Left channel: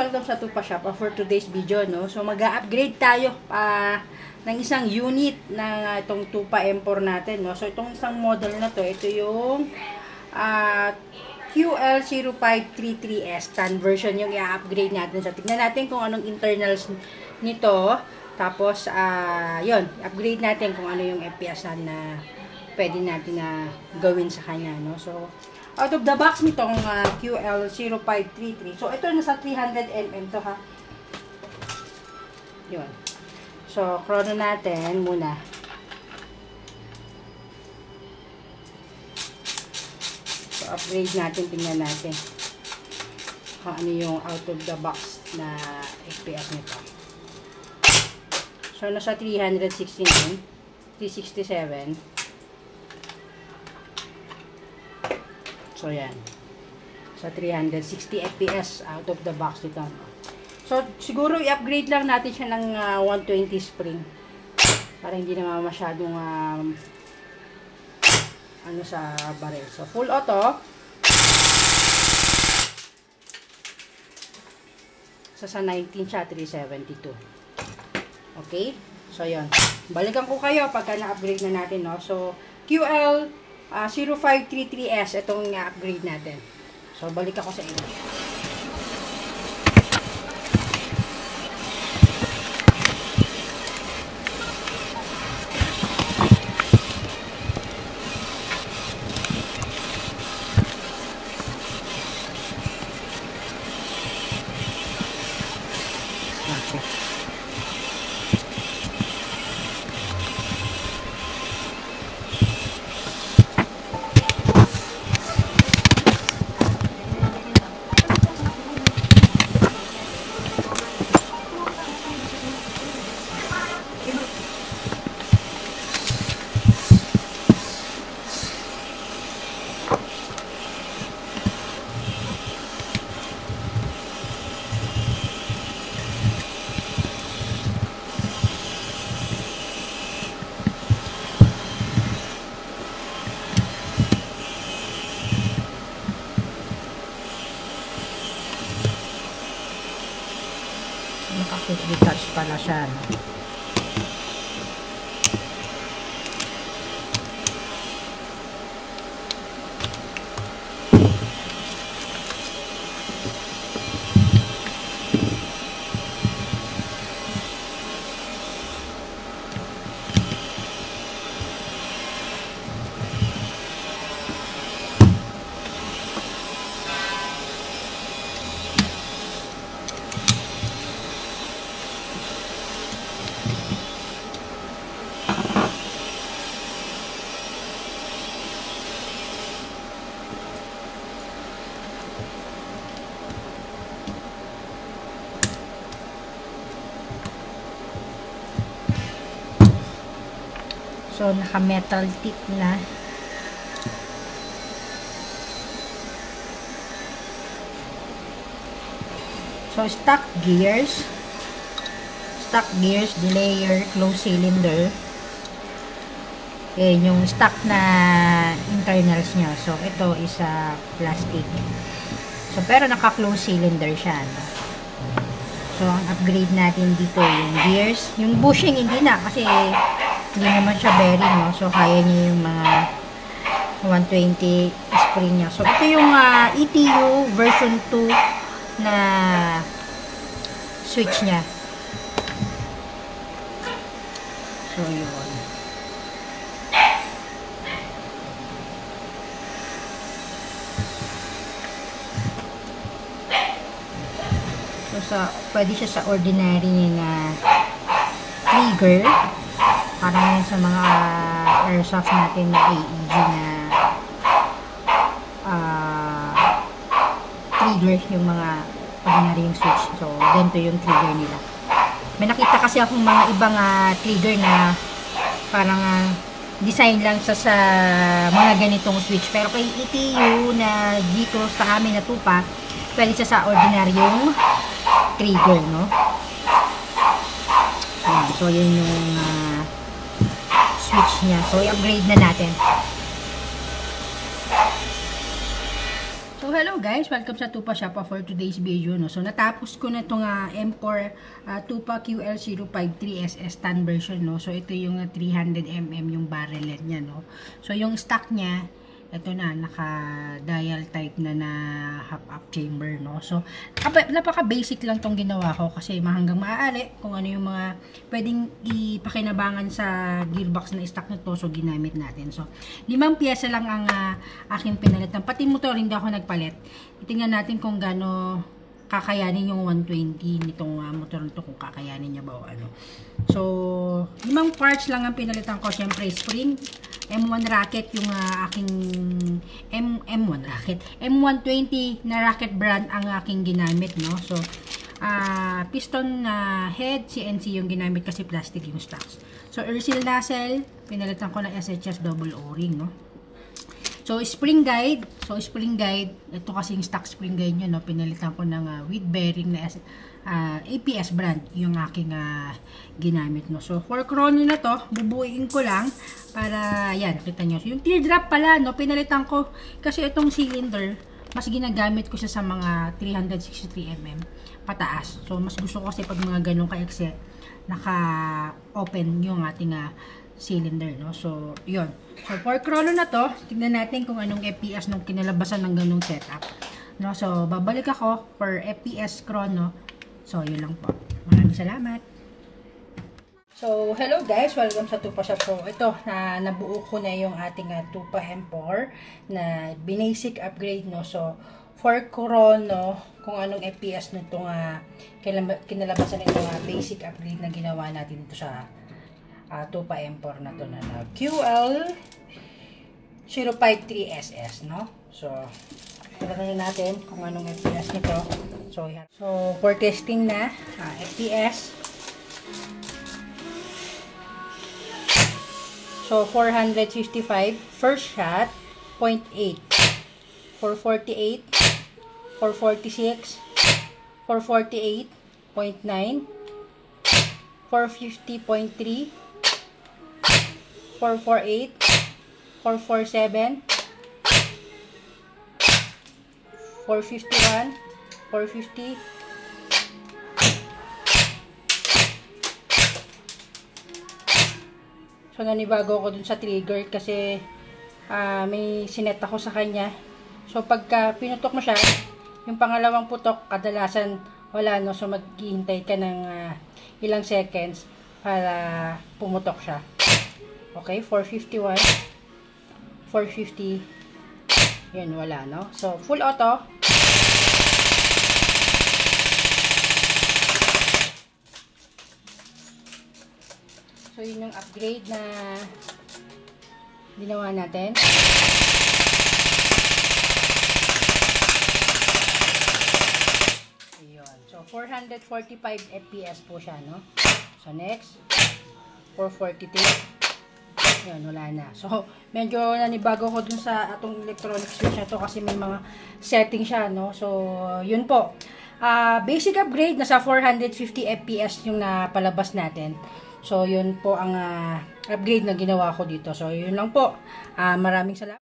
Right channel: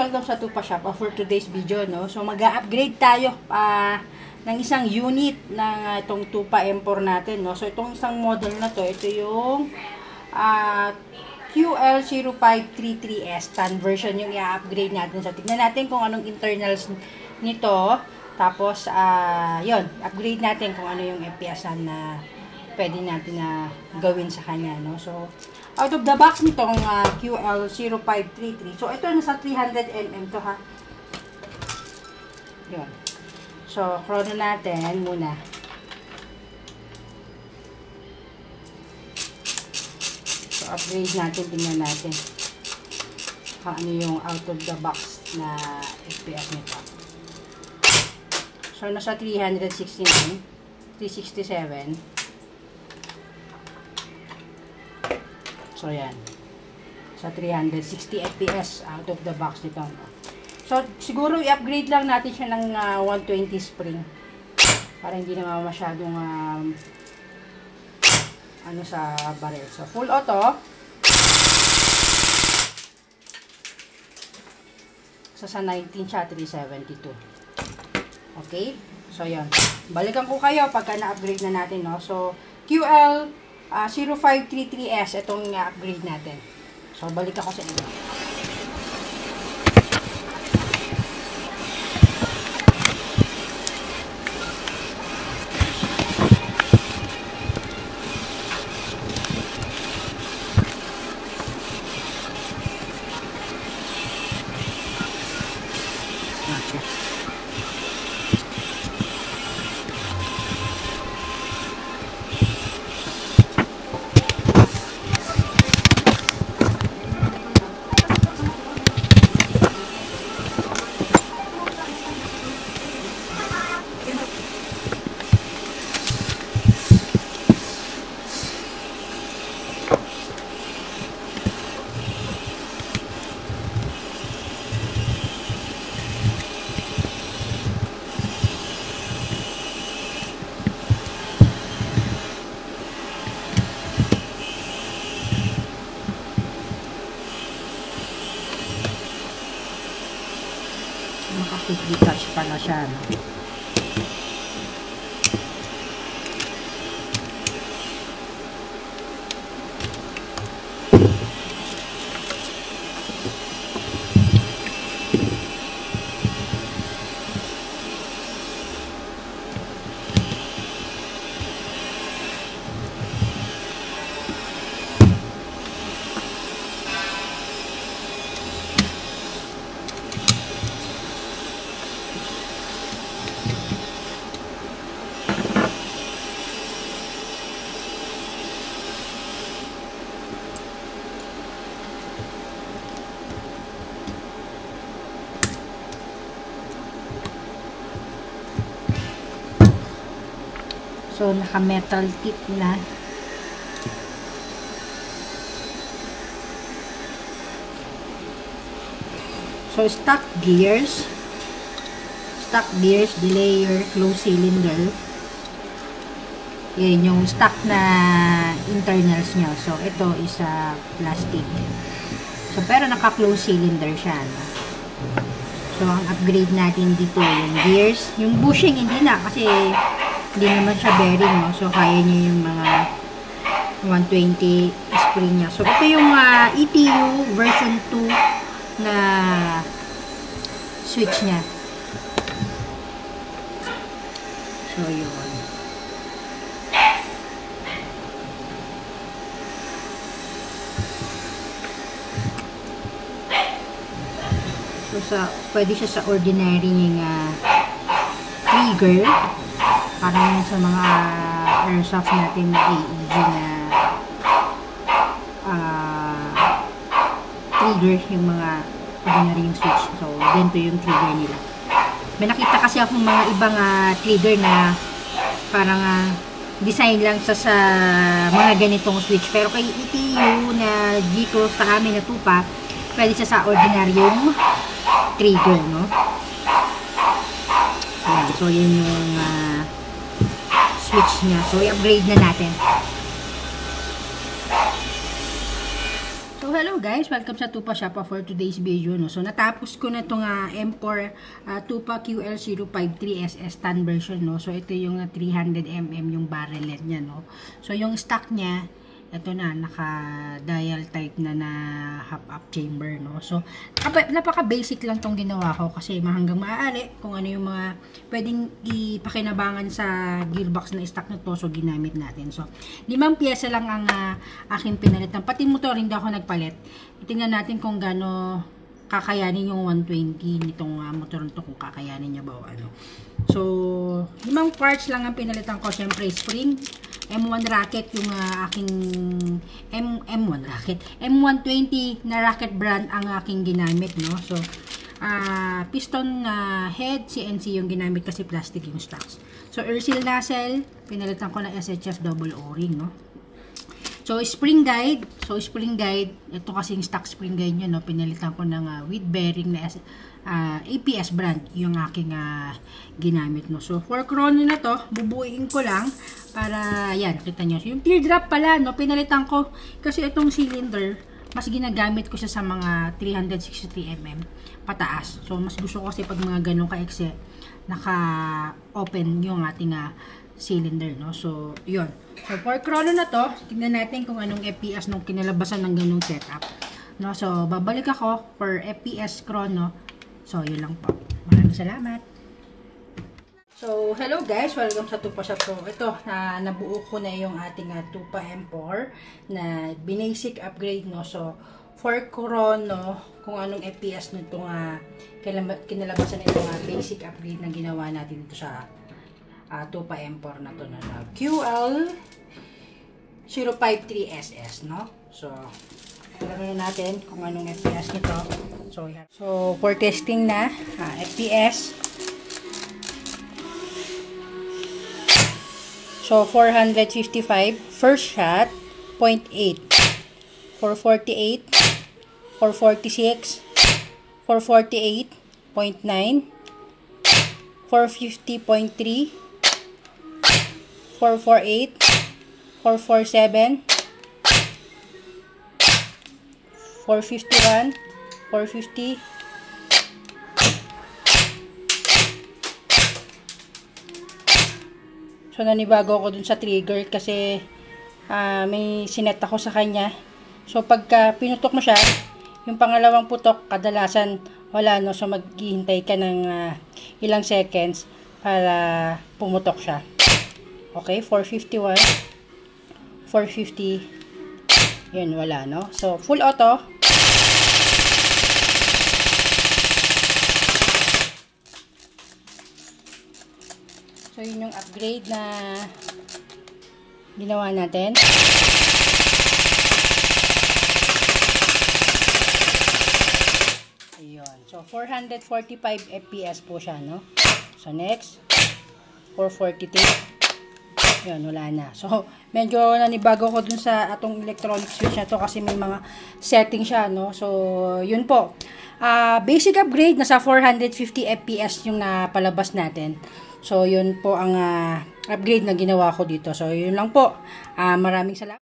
welcome sa Tupa Shop for today's video, no? So mag-upgrade tayo ng isang unit ng itong Tupa M4 natin, no? So itong isang model na to, ito yung QL0533S conversion yung i-upgrade natin. So tignan natin kung anong internals nito. Tapos yun, upgrade natin kung ano yung FPS na pwede natin na gawin sa kanya, no? So out of the box nitong QL0533. So, ito nasa 300mm to, ha. Yun. So, chrono natin muna. So, upgrade natin. Tingnan natin kung ano yung out of the box na FPS nito. So, nasa 369, 367. So, yan. Sa 360 FPS out of the box nito. So, siguro i-upgrade lang natin siya ng 120 spring. Para hindi na masyadong ano sa barrel. So, full auto. So, sa 19 siya, 372. Okay? So, yan. Balikan ko kayo pagka na-upgrade na natin, no? So, QL 0533S, itong upgrade natin. So, balik ako sa inyo. Naka-quick-detach pala siya, no? So, naka-metal tip na. So, stock gears, delayer, closed cylinder. Yan yung stock na internals niya. So, ito is plastic. So, pero naka-closed cylinder siya, no? So, ang upgrade natin dito yung gears. Yung bushing, hindi na kasi hindi naman siya bearing, no? So, kaya niya yung mga 120 spring niya. So, ito yung ETU version 2 na switch niya. So, yun. So, pwede siya sa ordinary trigger. Parang sa mga airsoft natin na AEG na trigger, yung mga ordinary yung switch. So, ganito yung trigger nila. May nakita kasi akong mga ibang trigger na parang design lang sa mga ganitong switch. Pero kay ETU na G-Close sa amin na Tupa, pwede siya sa ordinary yung trigger, no? Ayan, so, yun yung switch niya. So, i-upgrade na natin. So, So hello guys, welcome sa Tupa Shoppa for today's video, no. So natapos ko na itong M4 Tupa QL053SS tan version, no. So ito yung 300mm yung barrelet niya, no. So yung stock niya, ito na, naka-dial type na half-up chamber, no. So, napaka-basic lang tong ginawa ko kasi hanggang maaari kung ano yung mga pwedeng ipakinabangan sa gearbox na stock na to, so ginamit natin. So, 5 pyesa lang ang aking pinalitan. Pati motor, hindi ako nagpalit. Tingnan natin kung gaano kakayanin yung 120 nitong motor nito, kung kakayanin niya ba o ano. So, 5 parts lang ang pinalitan ko. Siyempre, spring, M1 racket yung aking M1 racket. M120 na racket brand ang aking ginamit, no. So, piston head, CNC yung ginamit kasi plastic yung stocks. So, air seal nozzle, pinalitan ko na SHS double O-ring, no. So, spring guide. So, spring guide, ito kasi yung stock spring guide nyo, no. Pinalitan ko ng with bearing na APS brand yung aking ginamit, no. So, for chrono na to, bubuuin ko lang para, yan, nakita nyo. So, yung teardrop pala, no, pinalitan ko kasi itong cylinder, mas ginagamit ko siya sa mga 363mm pataas. So, mas gusto ko kasi pag mga ganun ka-exe, naka-open yung ating cylinder, no. So, yun. So, for chrono na to, tignan natin kung anong FPS nung kinalabasan ng ganung setup, no. So, babalik ako for FPS chrono. So, yun lang po. Maraming salamat. So, hello guys. Welcome sa Tupa Shop. So, ito, nabuo ko na yung ating Tupa M4 na basic upgrade, no. So, for chrono, kung anong FPS nito kinalabasan nito basic upgrade na ginawa natin dito sa Tupa M4 na to na QL053SS, no. So, tignan natin kung anong FPS nito. So for testing na FPS. So 455 first shot 0.8, 448, 446, 448.9, 450.3, 448, 447, 451, 450, 450. So, nanibago ako dun sa trigger kasi may sinet ako sa kanya. So, pagka pinutok mo siya, yung pangalawang putok, kadalasan wala, no. So, maghihintay ka ng ilang seconds para pumutok siya. Okay, 451, 450, yun, wala, no. So, full auto. So, yun yung upgrade na ginawa natin. Ayun. So, 445 FPS po siya, no? So, next, 442. Yun, wala na. So, medyo nanibago ko dun sa atong electronic switch na to kasi may mga setting siya, no? So, yun po. Basic upgrade, nasa 450 FPS yung napalabas natin. So, yun po ang upgrade na ginawa ko dito. So, yun lang po. Maraming salamat.